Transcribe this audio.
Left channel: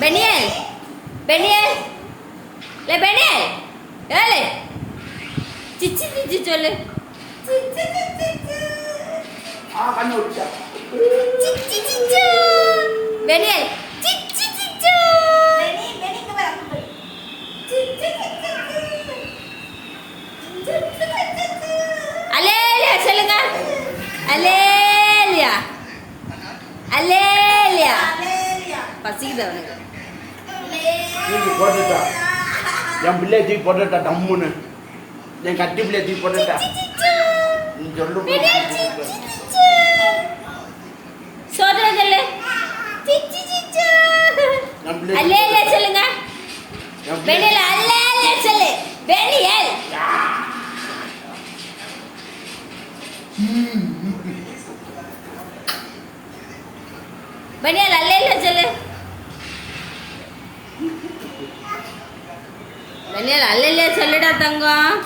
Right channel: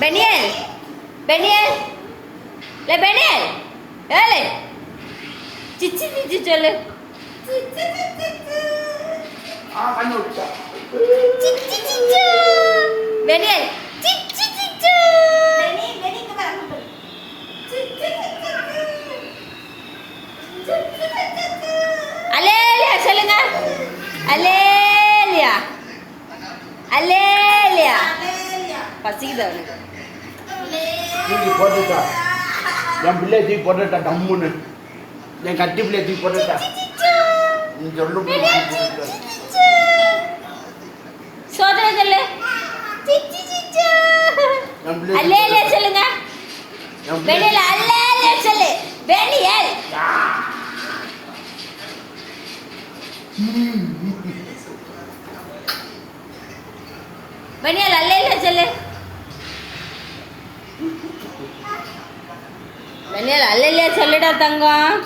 Peniel Peniel லே Peniel ஏலே சிச்சி சிச்சி சொல்லு கண்ணு விட்டா சிச்சி சிச்சு பெனியல் சிச்சி சிச்சு அலேலியா சொல்லுங்க அலேலியா அலேலியா பசிக்குது அவனுக்கு தூக்கி போட்டுட்டா என் பிள்ளைய தூக்கி போட்டுட்டா டம்முன்னு என் கட்டி பிள்ளைய தூக்கி போட்டுட்டா நீ சொல்லு சோதனை சொல்லு சிச்சி சிச்சு என் பிள்ளை அலேலியா சொல்லுங்க என் பிள்ளை பெனியல் அலேலியா சொல்லு பெனியல் பெனியல் அலேலியா சொல்லு பெனியல் அலேலியா சொல்லுடா தங்கம்